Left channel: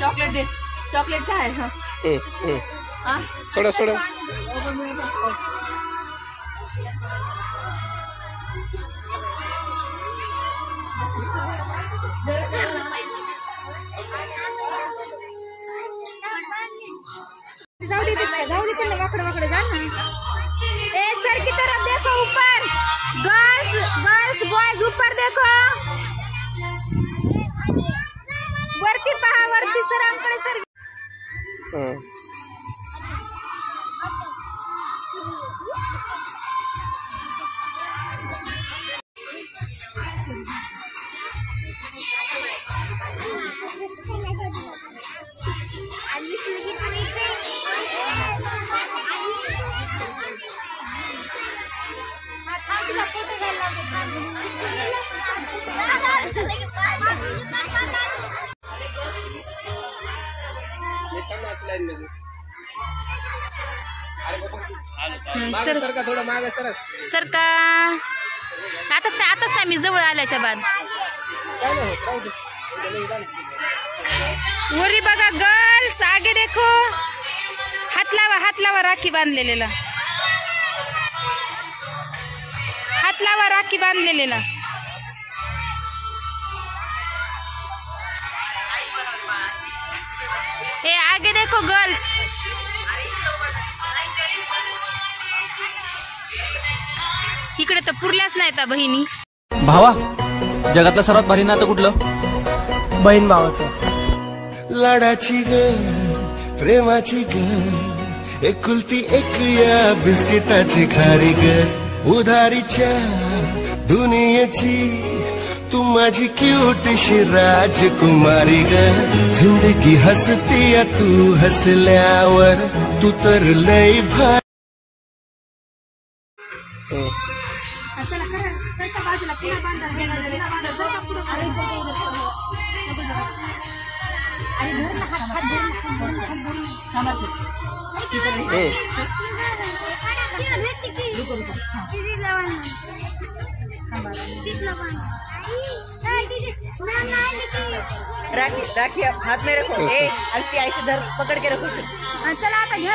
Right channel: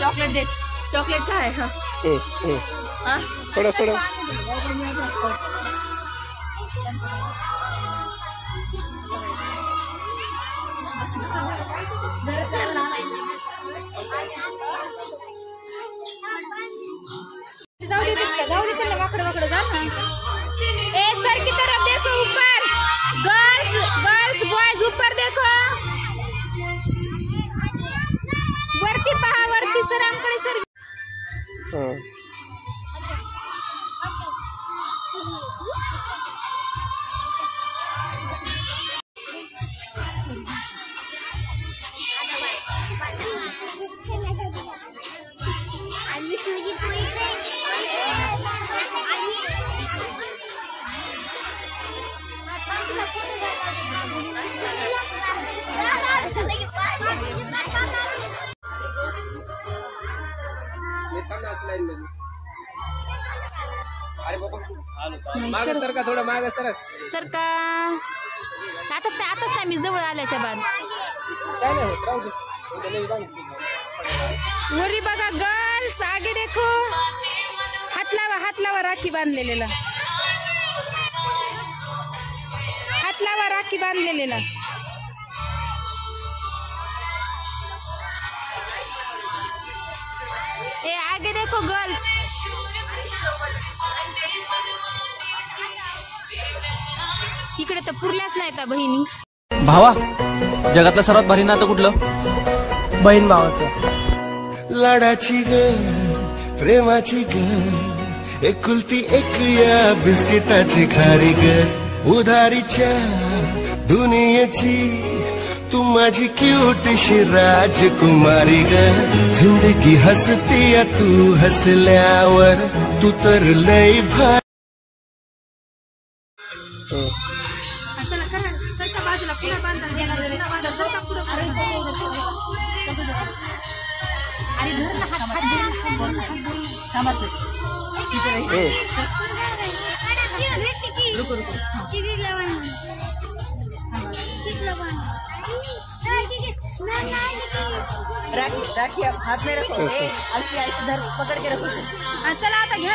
Chocolate दे, chocolate काय आहे? सोडा सोडा. जाऊ दे तिकडे वाकडे जा ना. ए सर की तरफ देखो, ऊपर गर्ल्स गर्ल्स बॉयज ऊपर देखो, वरती पहा, वरती सरांकडे सर. सर का थोडं मागे सर. सर का आताच नाही मी जवळ आल्याच्या बाद. वरी बघा गर्ल्स, आगे देखो, हात लावा राखी बांधलेला, हात लावा राखी बांधलेला. ए आगे देखो गर्ल्स. इकडे तर पुरल्याच नाही त्या बहिणी. भावा, जगातलं सर्वात भारी नातं कुठलं? बहीण भावाचं. लाडाची ग, प्रेमाची ग, एकुलती एक या बिस्किटाची खारी ग, उधारीच्या दुनियेची तू माझी क्यूटशी राजकुमारी ग. जिंदगी हसती या तू हसल्यावर, तू तर लय भारी. राखी राखी हाथ में रखो, अलती ऐसे धर पकड़ के रखो. चला आता घ्या.